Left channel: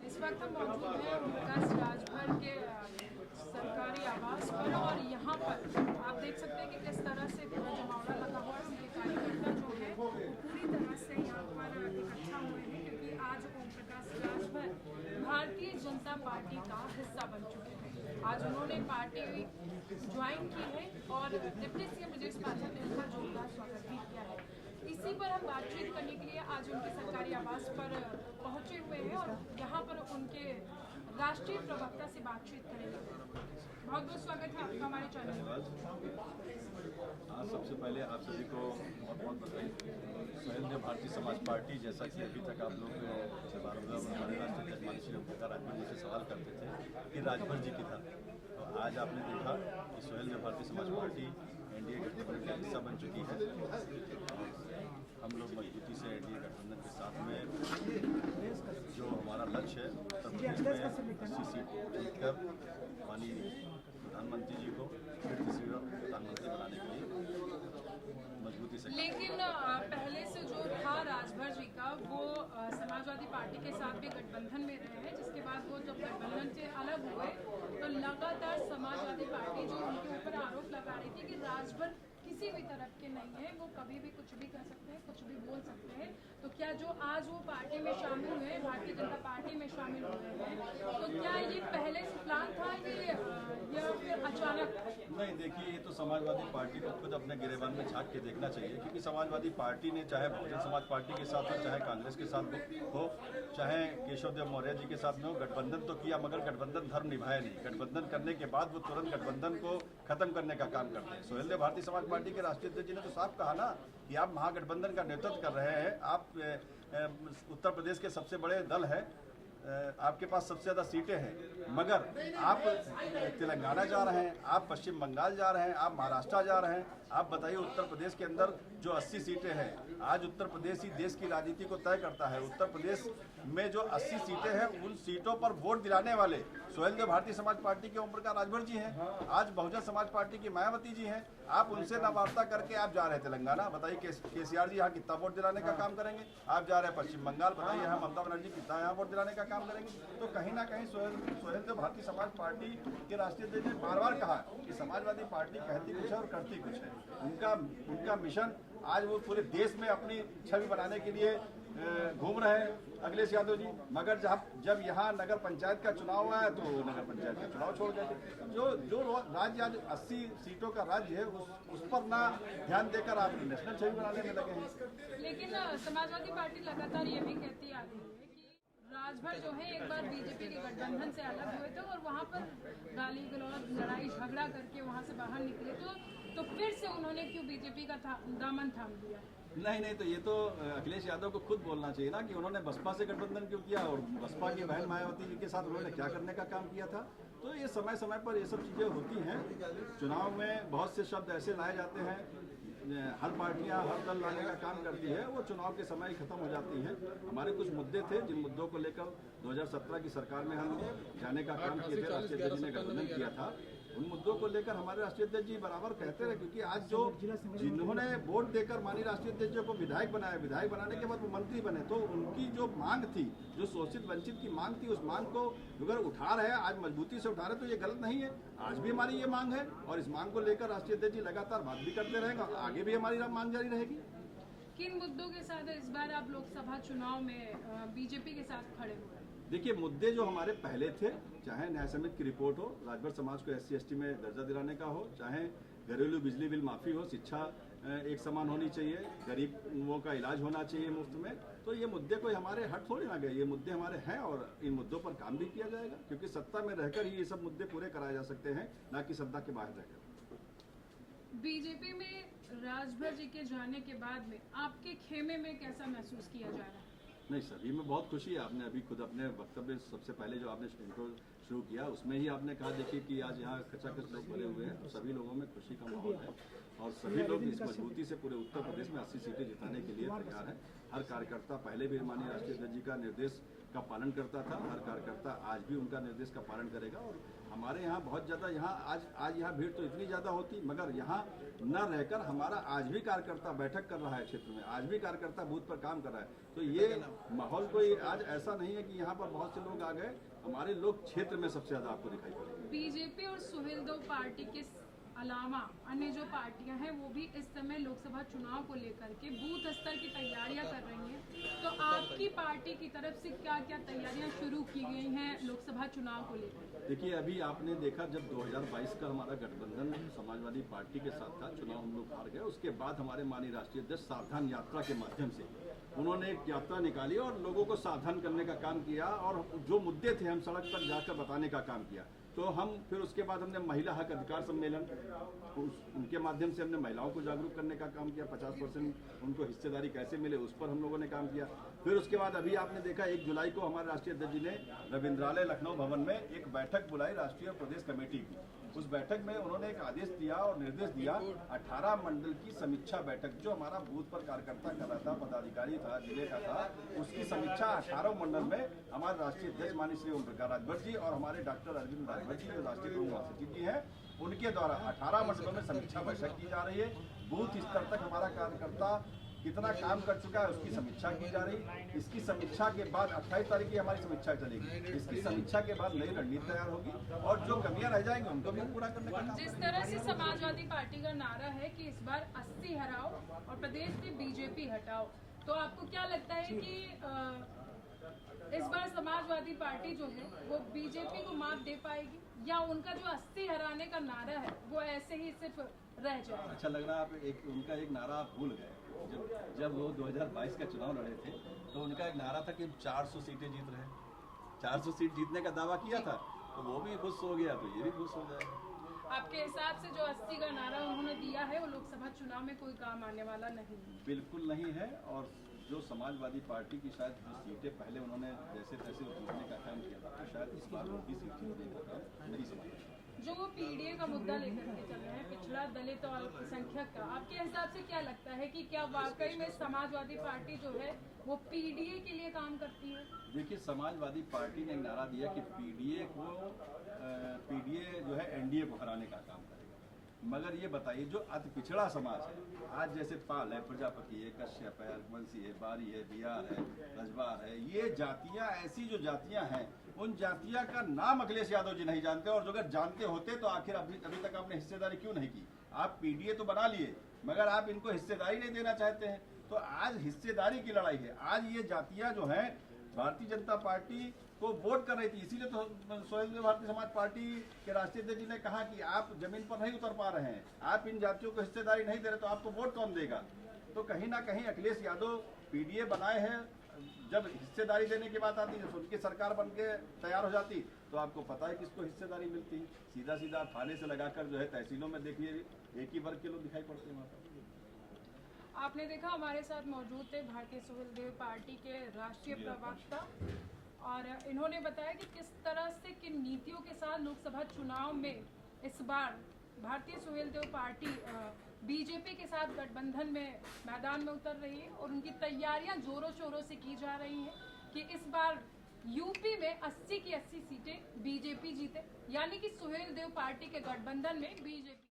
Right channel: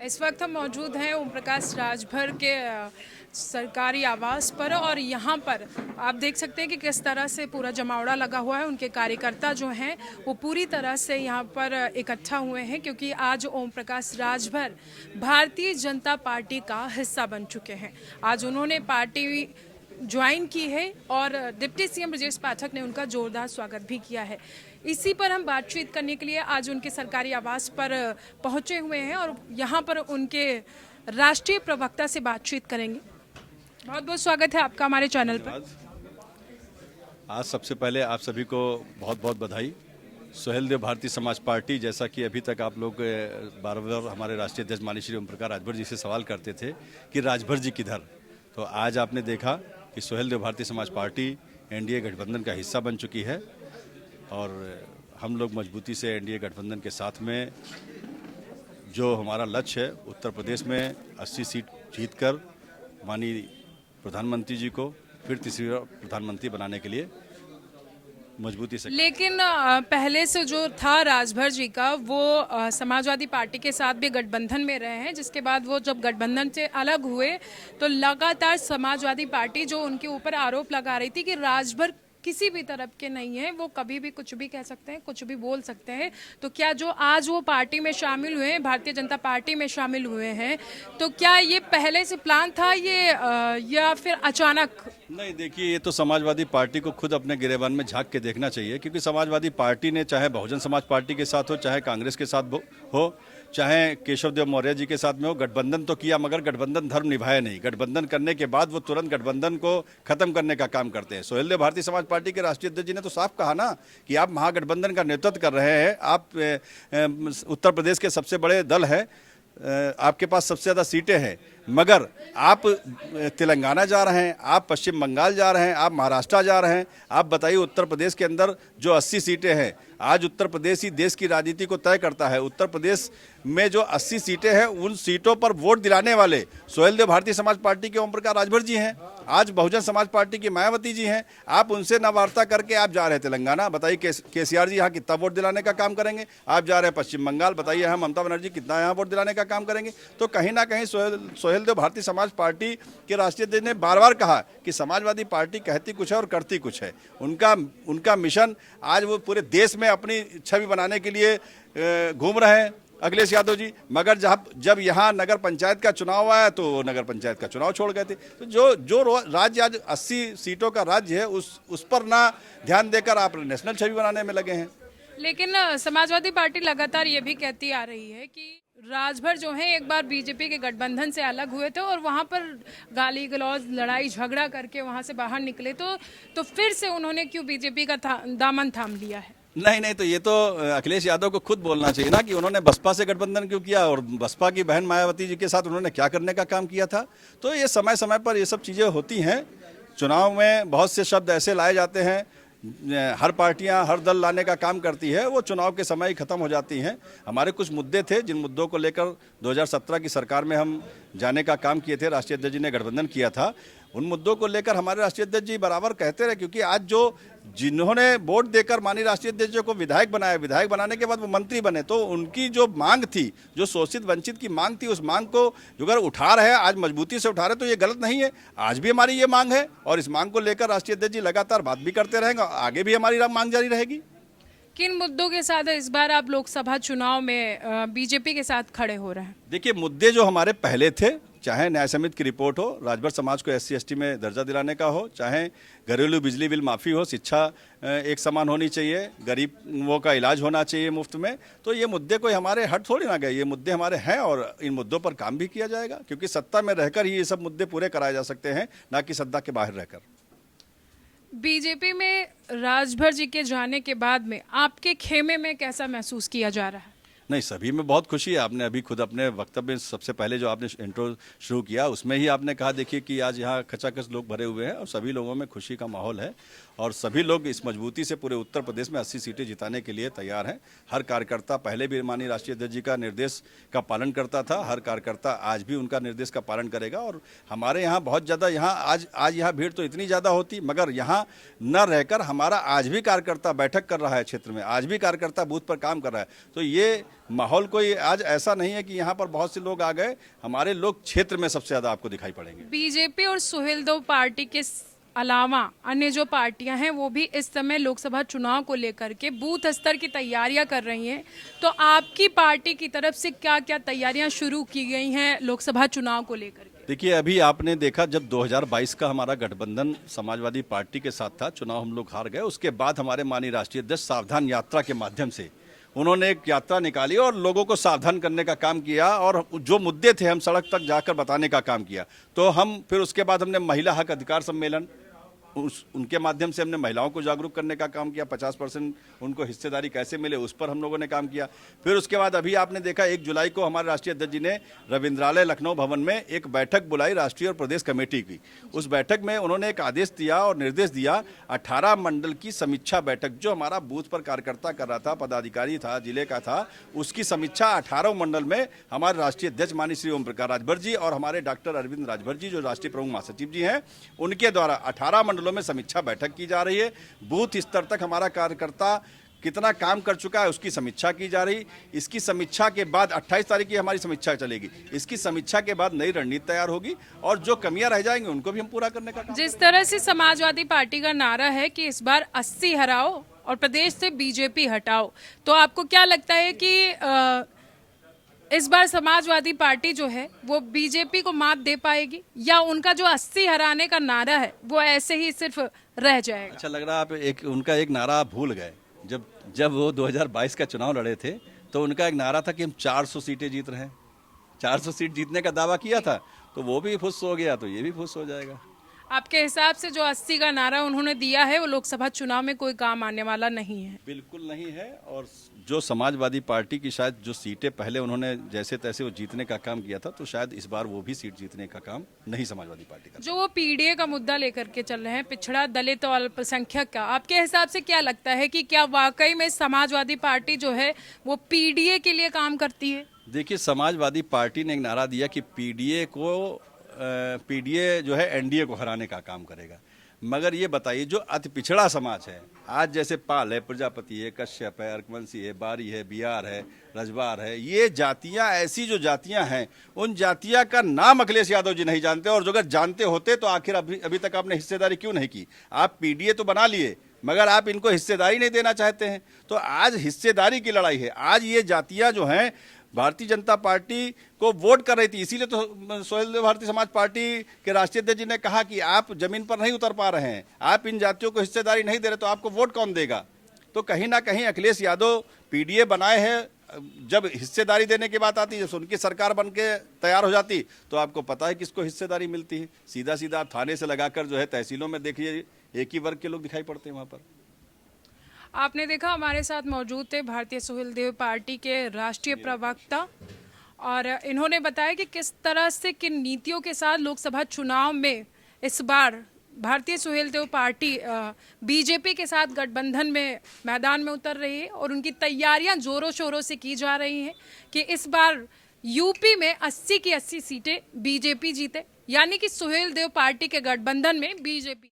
इस वक्त हम मौजूद हैं ओम प्रकाश राजभर के सरकारी आवास पर और यहाँ पर आप देख सकते हैं कि किस तरह से पूरा जमावड़ा लगा हुआ है। उनके कार्यकर्ता जो हैं वो पूरी तरह से यहाँ पर इकट्ठा हुए हैं क्योंकि आज ओम प्रकाश राजभर भारतीय जनता पार्टी का हिस्सा बन चुके हैं। आज उन्होंने पार्टी ज्वाइन की है और डिप्टी सीएम ब्रजेश पाठक ने उनका जोरदार स्वागत भी किया है। इसी पर हम बातचीत करने के लिए आज उनके सरकारी आवास पर पहुंचे हुए हैं और यहाँ पर उनके राष्ट्रीय प्रवक्ता से बातचीत करेंगे। बहुत बहुत स्वागत है आपका हमारे चैनल पर। आज सबसे पहले आप सभी को बहुत बहुत बधाई। सुहेलदेव भारतीय समाज पार्टी, जैसा कि अभी तक आप लोग बार बार हमारे राष्ट्रीय अध्यक्ष माननीय श्री ओम प्रकाश राजभर जी से सवाल करते थे कि राजभर जी किधर, तो आज आपने देखा कि सुहेलदेव भारतीय समाज पार्टी एनडीए गठबंधन का हिस्सा बन चुकी है और हम लोग मजबूती से एनडीए गठबंधन के साथ में जो हमारा लक्ष्य है उत्तर प्रदेश में 80 सीट जीतकर माननीय प्रधानमंत्री जी को फिर तीसरी बार प्रधानमंत्री बनाने के लिए मजबूती से। लेकिन पहले से जो था राजभर जी का वो समाजवादी पार्टी के साथ भी गठबंधन में रहे हैं, जिसके बाद वो जब गठबंधन से अलग हुए तो लगातार समाजवादी पार्टी जो उनके ऊपर आरोप लगा रही थी कि राजभर किसी भी तरफ के नहीं है, वो कभी भी कुछ भी कह सकते हैं, कुछ भी बोल सकते हैं। तो क्या जो आज वो पार्टी में शामिल हुए हैं, भारतीय जनता पार्टी में शामिल हुए हैं, तो क्या ये पहले से प्लान था ये या फिर अचानक? नहीं, देखिए, ये तो समाजवादी पार्टी को खुद अपने गिरेबान में झांक के देखना चाहिए, क्योंकि समाजवादी पार्टी ने चाहे बहुजन समाज पार्टी के साथ हो, चाहे कांग्रेस के साथ हो, चाहे केशव देव मौर्य जी के साथ में हो, गठबंधन तो किया मगर गठबंधन धर्म निभाया नहीं। गठबंधन करने के बाद वो तुरंत गठबंधन को खत्म करने का काम करते हैं। सुहेलदेव भारतीय समाज पार्टी के राष्ट्रीय अध्यक्ष जी ने तो साफ कहा ना कि आप महागठबंधन का नेतृत्व कर रहे हैं, आप उत्तर प्रदेश के सबसे बड़े दल है, आपके पास सबसे ज़्यादा सीटें हैं, मगर आप तेलंगाना जा रहे हैं, आप पश्चिम बंगाल जा रहे हैं, आप महाराष्ट्र जा रहे हैं। आप बताइए, उत्तर प्रदेश के अंदर जो 80 सीटें हैं, आज उत्तर प्रदेश ही देश की राजनीति को तय करता है। उत्तर प्रदेश में जो 80 सीटें हैं, उन सीटों पर वोट दिलाने वाले सुहेलदेव भारतीय समाज पार्टी के ओम प्रकाश राजभर जी हैं, आज बहुजन समाज पार्टी की मायावती जी हैं। आप उनसे न वार्ता करके आप जा रहे हैं तेलंगाना, बताइए केसीआर जी यहाँ कितना वोट दिलाने का काम करेंगे। आप जा रहे हैं पश्चिम बंगाल, बताइए यहाँ ममता बनर्जी कितना यहाँ वोट दिलाने का काम करेंगे। तो कहीं ना कहीं सुहेलदेव भारतीय समाज पार्टी के राष्ट्रीय अध्यक्ष ने बार बार कहा कि समाजवादी पार्टी कहती कुछ है और करती कुछ है। उनका मिशन आज वो पूरे देश में अपनी छवि बनाने के लिए घूम रहे हैं अखिलेश यादव जी, मगर जब यहाँ नगर पंचायत का चुनाव आया तो नगर पंचायत का चुनाव छोड़ गए थे। तो जो राज्य आज 80 सीटों का राज्य है, उस पर ना ध्यान देकर आप नेशनल छवि बनाने में लगे हैं। लेकिन समाजवादी पार्टी लगातार ये भी कहती आ रही है कि राजभर जो है एक बार बीजेपी के गठबंधन से अलग हुए थे और वहां पर गाली गलौज लड़ाई झगड़ा करके वहां से बाहर निकले, तो फिर से उन्होंने क्यों बीजेपी का दामन थाम लिया है? नहीं, तो ये तो अखिलेश यादव को खुद बोलना चाहिए ना कि उन्होंने बसपा से गठबंधन क्यों किया और बसपा की बहन मायावती जी के साथ उन्होंने क्या करने का काम किया था। तो ये समय समय पर ये सब चीज़ें होती हैं। चुनाव में बहुत से शब्द ऐसे लाए जाते हैं, हर पार्टियां हर दल लाने का काम करती है, वो चुनाव के समय ही खत्म हो जाती हैं। हमारे कुछ मुद्दे थे जिन मुद्दों को लेकर 2017 की सरकार में हम जाने का काम किए थे, राष्ट्रीय अध्यक्ष जी ने गठबंधन किया था। उन मुद्दों को लेकर हमारे राष्ट्रीय अध्यक्ष जी बराबर कहते रहे, क्योंकि आज जिन्होंने वोट देकर माननीय राष्ट्रीय अध्यक्ष जी को विधायक बनाया, विधायक बनाने के बाद वो मंत्री बने, तो उनकी जो मांग थी, जो शोषित वंचित की मांग थी, उस मांग को अगर उठा रहे हैं, आज मजबूती से उठा रहे, तो ये गलत नहीं है। आज भी हमारी ये मांग है और इस मांग को लेकर राष्ट्रीय अध्यक्ष जी लगातार बात भी करते रहेंगे, आगे भी हमारी मांग जारी रहेगी। किन मुद्दों के साथ इस बार आप लोकसभा चुनाव में बीजेपी के साथ खड़े हो रहे हैं? देखिए, मुद्दे जो हमारे पहले थे, चाहे न्याय समिति की रिपोर्ट हो, राजभर समाज को SC ST में दर्जा दिलाने का हो, चाहे घरेलू बिजली बिल माफ़ी हो, शिक्षा एक समान होनी चाहिए, गरीबों का इलाज होना चाहिए मुफ्त में, तो ये मुद्दे कोई हमारे हट थोड़ी ना गए, ये मुद्दे हमारे हैं और इन मुद्दों पर काम भी किया जाएगा, क्योंकि सत्ता में रहकर ही ये सब मुद्दे पूरे कराए जा सकते हैं, ना कि सत्ता के बाहर रहकर। बीजेपी में राजभर जी के जाने के बाद में आपके खेमे में कैसा महसूस किया जा रहा है? नहीं, सभी में बहुत खुशी है। आपने अभी खुद अपने वक्तव्य में सबसे पहले जो आपने इंट्रो शुरू किया उसमें ही आपने कहा, देखिए कि आज यहाँ खचाखच लोग भरे हुए हैं और सभी लोगों में खुशी का माहौल है और सभी लोग इस मजबूती से पूरे उत्तर प्रदेश में 80 सीटें जिताने के लिए तैयार हैं। हर कार्यकर्ता पहले भी माननीय राष्ट्रीय अध्यक्ष जी का निर्देश का पालन करता था, हर कार्यकर्ता आज भी उनका निर्देश का पालन करेगा और हमारे यहाँ बहुत ज़्यादा आज यहाँ भीड़ तो इतनी ज़्यादा होती, मगर यहाँ न रहकर हमारा आज भी कार्यकर्ता बैठक कर रहा है क्षेत्र में, आज भी कार्यकर्ता बूथ पर काम कर रहा है। तो ये माहौल कोई आज ऐसा नहीं है कि यहाँ पर बहुत से लोग आ गए, हमारे लोग क्षेत्र में सबसे ज़्यादा आपको दिखाई पड़ेंगे। बीजेपी और सुहेलदेव पार्टी के अलावा अन्य जो पार्टियां हैं वो भी इस समय लोकसभा चुनाव को लेकर के बूथ स्तर की तैयारियां कर रही हैं। तो आपकी पार्टी की तरफ से क्या क्या तैयारियां शुरू की गई हैं लोकसभा चुनाव को लेकर? देखिए, अभी आपने देखा जब 2022 का हमारा गठबंधन समाजवादी पार्टी के साथ था, चुनाव हम लोग हार गए। उसके बाद हमारे माननीय राष्ट्रीय अध्यक्ष सावधान यात्रा के माध्यम से उन्होंने एक यात्रा निकाली और लोगों को सावधान करने का काम किया और जो मुद्दे थे हम सड़क तक जाकर बताने का काम किया। तो हम फिर उसके बाद हमने महिला हक अधिकार सम्मेलन उनके माध्यम से हमने महिलाओं को जागरूक करने का काम किया। 50% उनको हिस्सेदारी कैसे मिले उस पर हम लोगों ने काम किया। फिर उसके बाद अभी आपने देखा 1 जुलाई को हमारे राष्ट्रीय अध्यक्ष जी ने रविंद्रालय लखनऊ भवन में एक बैठक बुलाई राष्ट्रीय और प्रदेश कमेटी की। उस बैठक में उन्होंने एक आदेश दिया और निर्देश दिया 18 मंडल की समीक्षा बैठक, जो हमारा बूथ पर कार्यकर्ता कर रहा था, पदाधिकारी था, जिले का था, उसकी समीक्षा 18 मंडल में हमारे राष्ट्रीय अध्यक्ष माननीय श्री ओम प्रकाश राजभर जी और हमारे डॉक्टर अरविंद राजभर जी जो राष्ट्रीय प्रमुख महासचिव जी हैं, उनके द्वारा 18 मंडलों में समीक्षा बैठक की जा रही है। बूथ स्तर तक हमारा कार्यकर्ता कितना काम कर चुका है उसकी समीक्षा की जा रही। इसकी समीक्षा के बाद 28 तारीख की हमारी समीक्षा चलेगी। इसकी समीक्षा के बाद नई रणनीति तैयार होगी और जो कमियां रह जाएंगी उनको भी हम पूरा करने का। जिस तरह से समाजवादी पार्टी का नारा है कि इस बार 80 हराओ और प्रदेश से बीजेपी हटाओ, तो आपको क्या लगता है कि इस बार समाजवादी पार्टी जो है वो बीजेपी को मात दे पाएगी या उनका जो 80 हराने का नारा है वो ऐसे ही सिर्फ रह जाएगा? अच्छा लग रहा है, आप उनका एक नारा आप भूल गए। जब वो 2022 का चुनाव लड़े थे तो उनका एक नारा था कि हम 400 सीटें जीत रहे हैं। 400 सीट जीतने का दावा किया था, तो वो भी फुस हो गया तो ये भी फुस हो जाएगा। आपके हिसाब से जो 80 का नारा उन्होंने दिया है वो लोकसभा चुनाव में कोई काम आने वाला नहीं है? बिल्कुल नहीं है। और जो समाजवादी पार्टी की शायद जो सीटें पहले उन्होंने जैसे तैसे वो जीतने का काम किया था, तो शायद इस बार वो भी सीट जीतने का काम नहीं समाजवादी पार्टी का। जो वो पीडीए का मुद्दा लेकर के चल रहे हैं, पिछड़ा दलित और अल्पसंख्यक का, आपके हिसाब से क्या लगता है कि क्या वाकई में समाजवादी पार्टी जो है वो पीडीए के लिए काम करती है? देखिए, समाजवादी पार्टी ने एक नारा दिया कि पीडीए जो है एनडीए को हराने का काम करेगा। मगर ये बताइए, जो अति पिछड़ा समाज है आज, जैसे पाल है, प्रजापति है, कश्यप है, अर्कवंशी है, बारी है, बिहार है, रजवार है, ये जातियां, ऐसी जो जातियां हैं उन जातियां का नाम अखिलेश यादव जी नहीं जानते। और जो अगर जानते होते तो आखिर अभी तक आपने हिस्सेदारी क्यों नहीं की? आप पीडीए तो बना लिए मगर आप इनको हिस्सेदारी नहीं देना चाहते हैं। तो आज हिस्सेदारी की लड़ाई है। आज ये जातियां जो हैं भारतीय जनता पार्टी को वोट कर रही थी, इसीलिए तो सुहेलदेव भारतीय समाज पार्टी के राष्ट्रीय अध्यक्ष जी ने कहा कि आप जमीन पर नहीं उतर पा रहे हैं, आप इन जातियों को हिस्सेदारी नहीं दे रहे, तो आपको वोट कौन देगा? तो कहीं ना कहीं अखिलेश यादव पीडीए बनाए हैं। जब हिस्सेदारी देने की बात आती है, जब उनकी सरकार बन के तैयार हो जाती तो आपको पता है किसको हिस्सेदारी मिलती है। सीधा सीधा आप थाने से लगाकर जो है तहसीलों में देखिए, एक ही वर्ग के लोग दिखाई पड़ते हैं वहाँ पर। आपने देखा हमारे साथ मौजूद थे भारतीय सुहेलदेव पार्टी के राष्ट्रीय प्रवक्ता और इन्होंने बताया कि किस तरह से किन नीतियों के साथ लोकसभा चुनाव में इस बार भारतीय सुहेलदेव पार्टी बीजेपी के साथ गठबंधन में मैदान में उतर रही है और उनकी तैयारियां जोरों शोरों से की जा रही हैं कि इस बार यूपी में 80 की 80 सीटें बीजेपी जीते, यानी कि सुहेलदेव पार्टी के गठबंधन में बीजेपी